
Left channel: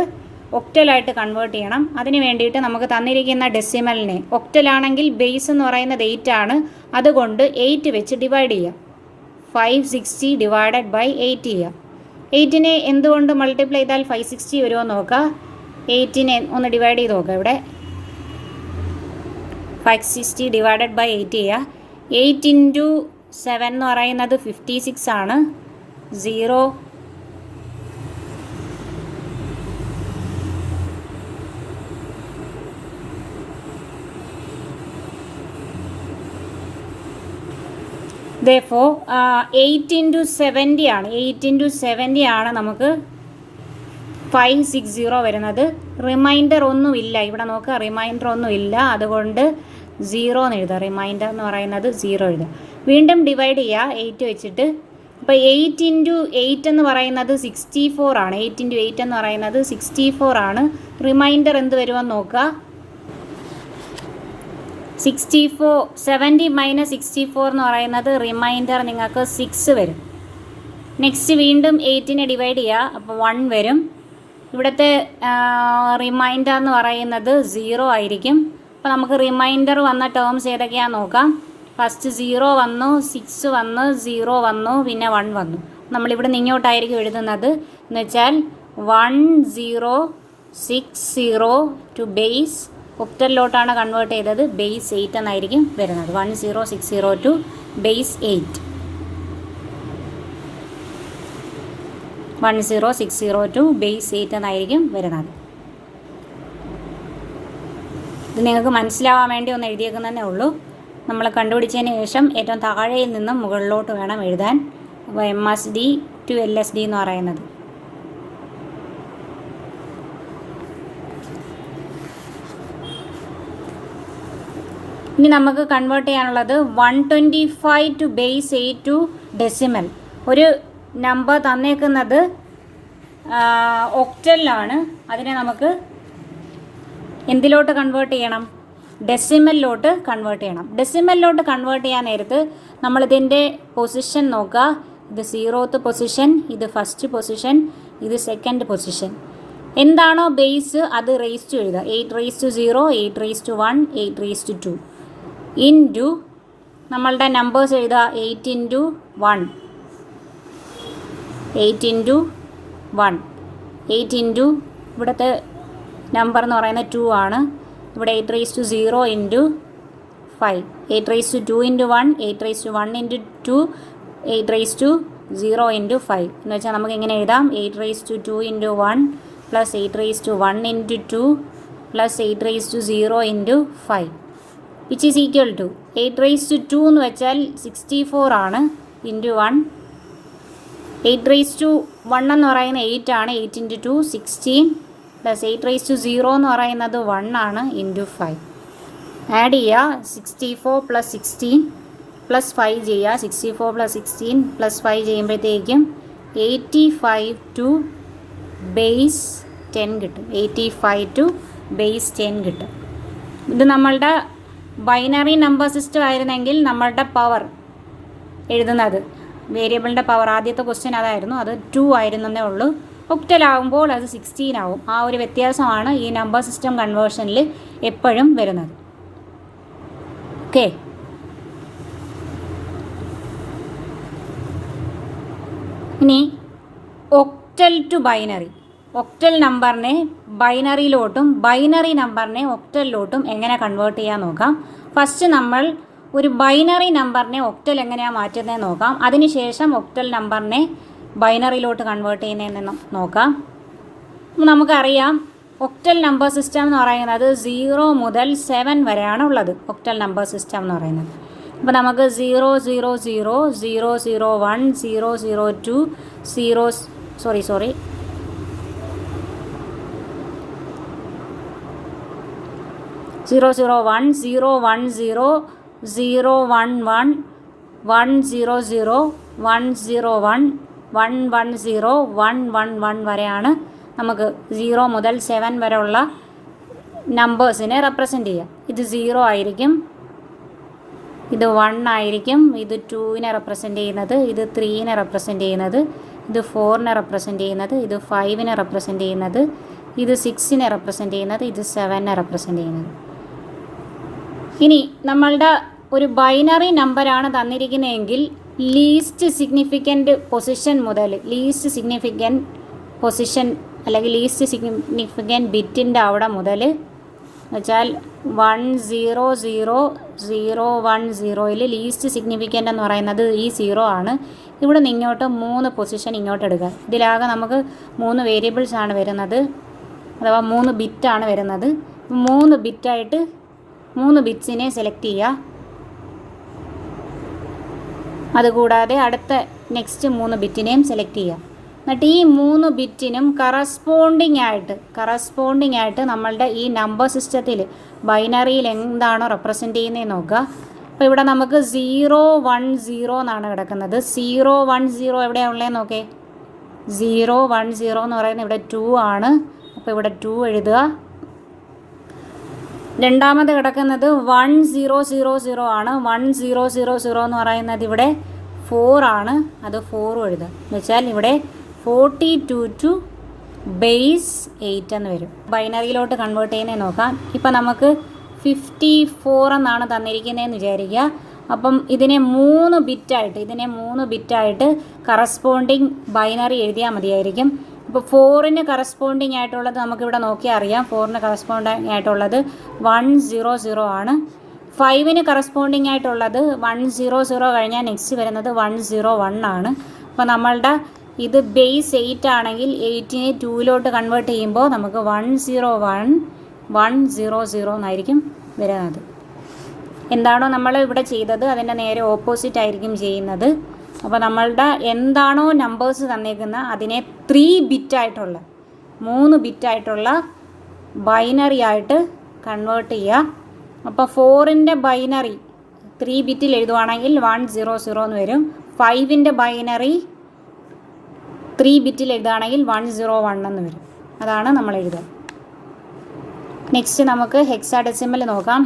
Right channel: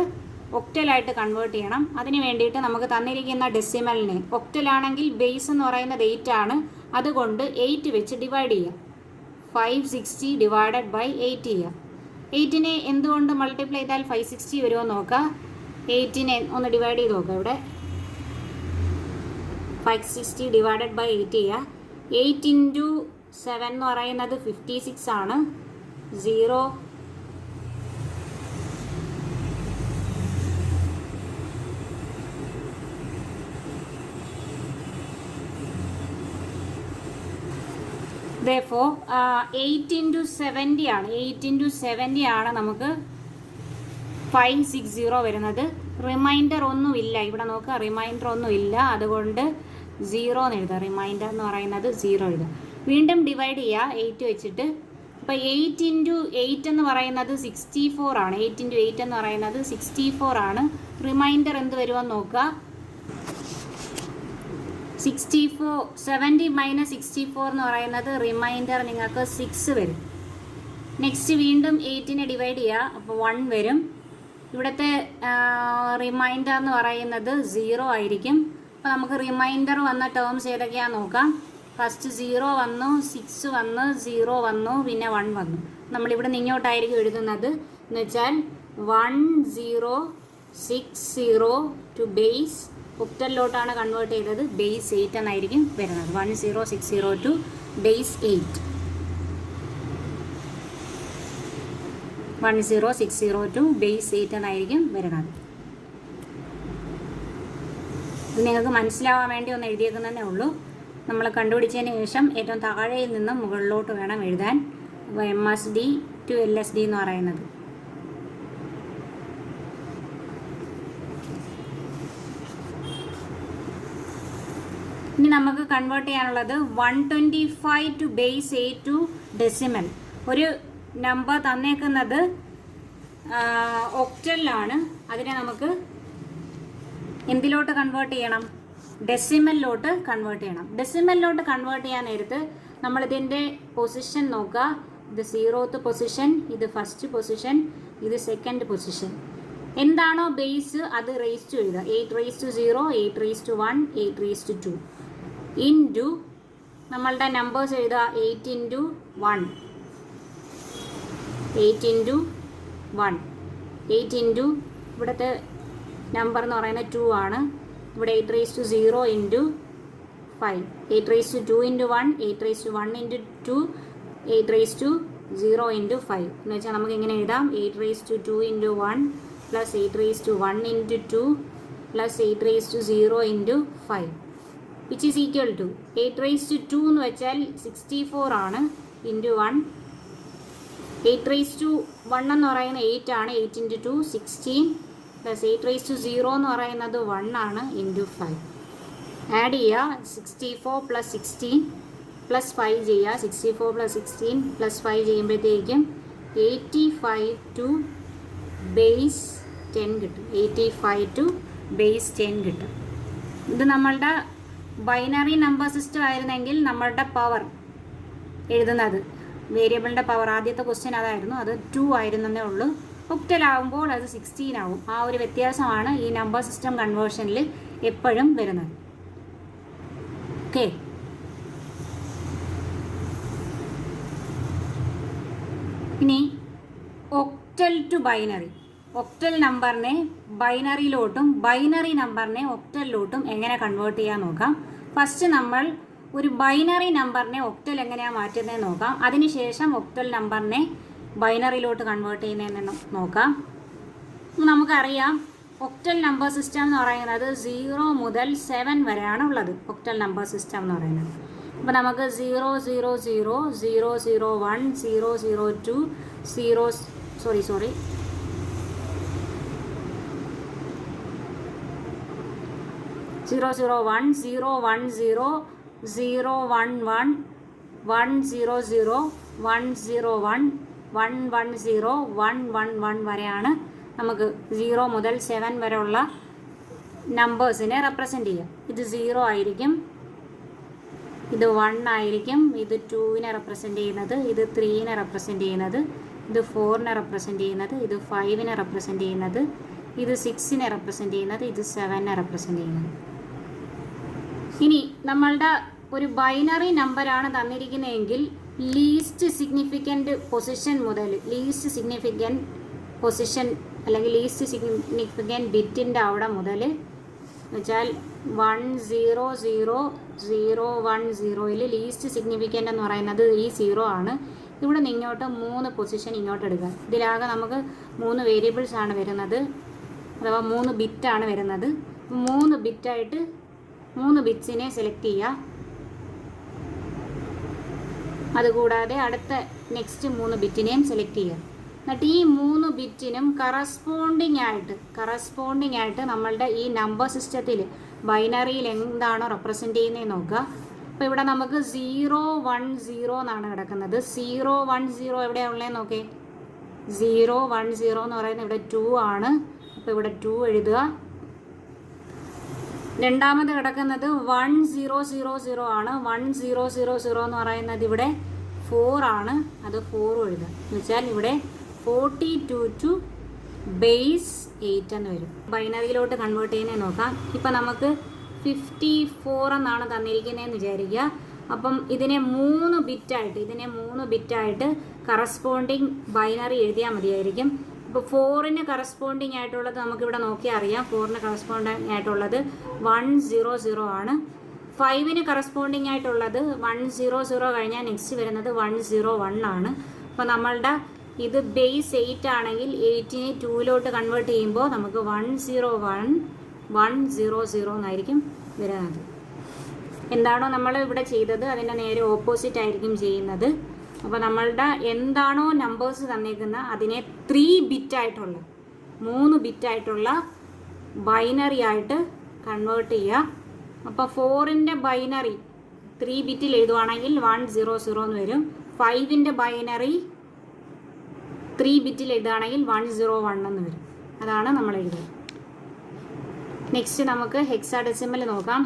ഒക്ടലായിട്ട് കൺവേർട്ട് ചെയ്യണം. അതിന് വേണ്ടിയിട്ട് നമുക്ക് തന്നിരിക്കുന്ന ഡെസിമലിനെ, ഒക്ടലാണെങ്കിൽ ബേസ് എന്ന് പറയുന്നത് 8 ആണ്, അതുകൊണ്ട് 8 വെച്ച് ഡിവൈഡ് ചെയ്യുക. 560 ഡിവൈഡഡ് ബൈ 8 ചെയ്യുക. 8നെ എന്തുകൊണ്ട് മൾട്ടിപ്ലൈ ചെയ്താൽ 560 വരുമോ നോക്കുക. 8നെ ഒന്ന് ഡിവൈഡ് ചെയ്ത് നോക്കുക. ഇവിടെ 560 ഡിവൈഡഡ് ബൈ 8 ചെയ്യുക. 8 ഇൻറ്റു 7 എന്ന് പറയുന്നത് 56 ആണ്. 0 therefore 8 ഇൻറ്റു 70 ആണ്. 8 ഇൻറ്റു 70 ആണ് നമുക്ക് 560 വരുന്നത്. റിമൈൻഡർ ഒന്നുമില്ല ഇവിടെ നോക്കുക. റിമൈൻഡർ ഒന്നുമില്ല, അതുകൊണ്ട് 0 എന്ന് എഴുതുക. റിമൈൻഡർ എന്ന് പറയുന്നത് 0 എഴുതുക. വീണ്ടും ഡിവൈഡ് ചെയ്യുക 8 വെച്ചിട്ട്. അപ്പോൾ 8 ഇൻറ്റു 8 എന്ന് പറയുന്നത് 64 ആണ്. 8 ഇൻറ്റു 8 എന്ന് പറയുന്നത് 64 ആണ്. റിമൈൻഡർ എന്ത് വരുമെന്ന് നോക്കുക. 64 70 മൈനസ് 64 എന്ന് പറയുന്നത് റിമൈൻഡർ നിങ്ങൾക്ക് 6 വരും. നെക്സ്റ്റ് വീണ്ടും 8നെ ഡിവൈഡ് ചെയ്യുക. അപ്പോൾ 1 വരും. ഇവിടുത്തെ റിമൈൻഡർ എന്ന് പറയുന്നത് 0 ആയിരിക്കും. അപ്പോൾ നമുക്ക് റിമൈൻഡർ വന്ന ടേംസ് ഏതൊക്കെയാണെന്ന് നോക്കാം. ഫസ്റ്റ് 0 വന്നു, 6 വന്നു, 0 വന്നു, പിന്നെ 1 വന്നു. നമ്മളിവിടെ നിന്ന് ഇങ്ങോട്ടായിരിക്കും എഴുതുന്നത്. എന്ന് വെച്ചാൽ 1060 ടു ബേസ് ഒക്ടലിലോട്ടാണ് കൺവേർട്ട് ചെയ്തത്. ബേസ് 8 എന്നായിരിക്കും വരുന്നത്. 1060 ടു ബേസ് 8. 1060 ടു ബേസ് 8 എന്നായിരിക്കും വരുന്നത്. ഇത് നിങ്ങൾക്ക് മനസ്സിലാവാൻ വേണ്ടി ഒന്ന് എഴുതിയേക്കുന്നതേ ഉള്ളൂ. നമ്മൾ കണ്ടുപിടിച്ചതിന് ശേഷം ഏറ്റവും താഴെയിൽ നിന്നും മുകളിലോട്ട് വേണം എഴുതാൻ. അപ്പോൾ MSD ടു LSD എന്ന് പറയുന്നത്. ഇനി നമുക്ക് കൺവേർട്ട് ചെയ്യാനുള്ളത് 125 ടു ബേസ് 8 ടു ഡെസിമൽ. ഒരു നമ്പർ തന്നേക്കുന്നത് ഒക്ടലിലാണ്. അതിനെ നമുക്ക് എന്തിലോട്ട് കൺവേർട്ട് ചെയ്യണം? ഡെസിമലിലോട്ട് കൺവേർട്ട് ചെയ്യണം. ഡെസിമലിലോട്ട് കൺവേർട്ട് ചെയ്യാൻ നേരത്ത് നമ്മളിതിൻ്റെ പൊസിഷൻ നോക്കുക. ഇത് 0th പൊസിഷൻ, ഇത് ഫസ്റ്റ് പൊസിഷൻ, ഇത് സെക്കൻഡ് പൊസിഷൻ. എന്താണോ ബേസ് അത് റേസ് ടു എഴുതുക. 8 raise to 0, 8 raise to 1, 8 raise to 2 into നമ്മളുടെ നമ്പേഴ്സ് എഴുതുക. 8 ഇൻറ്റു 1, 8 ഇൻറ്റു 1, 8 ഇൻറ്റു ഇവിടുത്തെ നമ്പർ എന്ന് പറയുന്നത് 2 ആണ്. ഇവിടെ 8 raise to 0 into 5, 8 raise to 2 into 1, 8 raise to 1 into 2, 8 raise to 0 into 5 എന്ന് വെച്ചാൽ നമുക്ക് എങ്ങനെ എഴുതാം? 8 raise to 2 into 1 plus 8 raised to 1 into 2 plus 8 raised to 0 into 5 which is equal to 8 raised to 2 എന്ന് വെച്ചാൽ 64 ആണ് into 1. 8 raised to 1 എന്ന് പറയുന്നത് 8 ആണ്. 8 into 2 16 plus 8 raised to 0 എന്ന് പറയുന്നത് 1 ആണ് into 5. ആഡ് ചെയ്യുക 64 plus 16 plus 5 ചെയ്യുക. 64 plus 16 plus 5 ചെയ്യുമ്പോഴത്തേക്കും 85 to base 10 കിട്ടും. 85 to base 10 കിട്ടും. ഇത് നമ്മളുടെ ബൈനറി നമ്പർ സിസ്റ്റം ആയിരുന്നെങ്കിൽ നമ്മളുടെ പവർ എഴുതുന്നത് വേരിയബിളിൻ്റെ പവർ ആദ്യത്തെ ക്വസ്റ്റ്യൻ അതായിരുന്നു, അത് 2 ആയിരുന്നേ ഉള്ളൂ. ഒക്ടൽ ആകുമ്പോൾ അത് 16 ആവും. ആ ഒരു വ്യത്യാസമാണ് ഈ നമ്പർ സിസ്റ്റം കൺവേർഷനിൽ എപ്പോഴും വരുന്നത്. ഓക്കെ, ഇനി ഒക്ടൽ ടു ബൈനറി. ഒക്ടൽ നമ്പറിനെ ബൈനറിയിലോട്ടും ബൈനറി നമ്പറിനെ ഒക്ടലിലോട്ടും എങ്ങനെ കൺവേർട്ട് ചെയ്യാൻ നോക്കാം. ഫസ്റ്റ് നമ്മൾ ഒരു ബൈനറി നമ്പറിനെ ഒക്ടൽ എങ്ങനെയാണ് മാറ്റുന്നതെന്ന് നോക്കാം. അതിനുശേഷം ഒക്ടൽ നമ്പറിനെ ബൈനറിയിലോട്ട് കൺവേർട്ട് ചെയ്യുന്നതെന്ന് നോക്കാം. നമുക്കറിയാം ഒക്ടൽ നമ്പർ സിസ്റ്റം എന്ന് പറയുന്നത് 0 മുതൽ 7 വരെയാണ് ഉള്ളത്. ഒക്ടൽ നമ്പർ സിസ്റ്റം എന്ന് പറയുന്നത് അപ്പോൾ നമുക്ക് 0 0 0 0 0 1 0 0 2 0 0 0 1 0 1 0 0 1 1 1 0 0 1 0 1 1 1 0 1 1 1 വരെയാണ് നമുക്ക് 0 മുതൽ 7 വരെയുള്ള നമ്പേഴ്സിനെ റെപ്രസെൻ്റ് ചെയ്യാം. ഇത് 0 ആയിരിക്കും, ഇത് 1 ആയിരിക്കും, ഇത് 2നെ റെപ്രസെൻ്റ് ചെയ്യുന്നത്, ഇത് 3നെ റെപ്രസെൻ്റ് ചെയ്യുന്നത്, ഇത് 4നെ റെപ്രസെൻ്റ് ചെയ്യുന്നത്, ഇത് 5നെ റെപ്രസെൻ്റ് ചെയ്യുന്നത്, ഇത് 6നെ റെപ്രസെൻ്റ് ചെയ്യുന്നത്, ഇത് 7നെ റെപ്രസെൻ്റ് ചെയ്യുന്നത്. ഇനി നമ്മളുടെ ഒരു ബൈനറി നമ്പറാണ് തന്നിരിക്കുന്നതെങ്കിൽ ലീസ്റ്റ് സിഗ്നിഫിക്കൻറ്റ് പൊസിഷൻ മുതൽ ലീസ്റ്റ് സിഗ്നിഫിക്കൻറ്റ് പൊസിഷൻ അല്ലെങ്കിൽ ലീസ്റ്റ് സിഗ്നിഫിക്കൻറ്റ് ബിറ്റിൻ്റെ അവിടെ മുതൽ എന്നുവെച്ചാൽ 1 0 0 0 1 0യിൽ ലീസ്റ്റ് സിഗ്നിഫിക്കൻ്റ് എന്ന് പറയുന്നത് ഈ 0 ആണ്. ഇവിടെ നിന്ന് ഇങ്ങോട്ട് 3 പൊസിഷൻ ഇങ്ങോട്ട് എടുക്കുക. ഇതിലാകെ നമുക്ക് 3 വേരിയബിൾസ് ആണ് വരുന്നത്, അഥവാ 3 ബിറ്റാണ് വരുന്നത്. 3 ബിറ്റായിട്ട് 3 ബിറ്റ്സിനെ സെലക്ട് ചെയ്യുക. അതുകൂടാതെ അടുത്ത നെക്സ്റ്റ് 3 ബിറ്റിനെയും സെലക്ട് ചെയ്യുക. എന്നിട്ട് ഈ 3 ബിറ്റിനും കറസ്പോണ്ടിങ് ആയിട്ട് നമ്മളുടെ ഈ നമ്പർ സിസ്റ്റത്തിൽ ബൈനറിയിൽ എന്താണോ റെപ്രസെൻ്റ് ചെയ്യുന്നതെന്ന് നോക്കുക. അപ്പോൾ ഇവിടെ നമുക്ക് 0 1 0 എന്നാണ് കിടക്കുന്നത്. 0 1 0 എവിടെയാണ് ഉള്ളതെന്ന് നോക്കേ. 0 1 0 എന്ന് പറയുന്നത് ഇവിടെ 2 ആണ്. അപ്പോൾ ഇവിടെ 2 എഴുതുക. രണ്ടാമത് കിടക്കുന്നത് 1 0 0 0 ആണ്. 1 0 0 0 എന്ന് പറയുന്നത് ഇവിടെ 4 ആണ്. അത് 4 എഴുതാം. എന്ന് വെച്ചാൽ ഇവിടെ 42 to ബേസ് 8 എന്ന് വരും. ബൈനറിയിലോട്ട് കൺവേർട്ട് ചെയ്യുന്നത് നോക്കാം. ഇപ്പം നമുക്ക് 54 എന്നാണ് തന്നിരിക്കുന്നതെന്ന് വിചാരിക്കുക. അപ്പം ഇതിനെ 3 ബിറ്റായിട്ട് കറസ്പോണ്ടിങ് ബൈനറി എഴുതിയാൽ മതിയായിരിക്കും. ഇപ്പോൾ 4ന് കറസ്പോണ്ടിങ് ആയിട്ടുള്ളത് നമുക്കിവിടെ നോക്കിയാൽ അറിയാം. 4ന് കറസ്പോണ്ടിങ് ആയിട്ടുള്ളത് 1 0 0 ആണ്. 5ന് കറസ്പോണ്ടിങ് ആയിട്ടുള്ളത് 1 0 0 കഴിഞ്ഞാൽ നെക്സ്റ്റ് വരുന്നത് 1 0 1 ആണ്. അപ്പോൾ നമ്മളുടെ ഇത് ബേസ് 8 ആണെങ്കിൽ 8നെ 2ലോട്ട് കൺവേർട്ട് ചെയ്യുമ്പോൾ നമുക്ക് 1 0 1 1 0 0 എന്നായിരിക്കും വരുന്നത്. എന്താണോ നമ്മൾ ഇവിടെ ചെയ്തത് അതിൻ്റെ നേരെ ഓപ്പോസിറ്റ് ആയിരിക്കും ചെയ്യുന്നത്. അപ്പോൾ നമ്മളുടെ എന്താണോ നമ്പേഴ്സ് തന്നേക്കുന്ന അതിനെ 3 ബിറ്റായിട്ടുള്ള ബൈനറി ആയിട്ട് കൺവേർട്ട് ചെയ്യുക. അപ്പോൾ 4ൻ്റെ ബൈനറി 3 ബിറ്റിൽ എഴുതുവാണെങ്കിൽ 1 0 0 എന്ന് വരും. 5ൻ്റെ ബൈനറി 3 ബിറ്റിൽ എഴുതുകയാണെങ്കിൽ 1 0 1 എന്ന് വരും. അതാണ് നമ്മൾ എഴുതുക. നെക്സ്റ്റ് നമുക്ക് ഹെക്സാഡെസിമൽ നോക്കാം.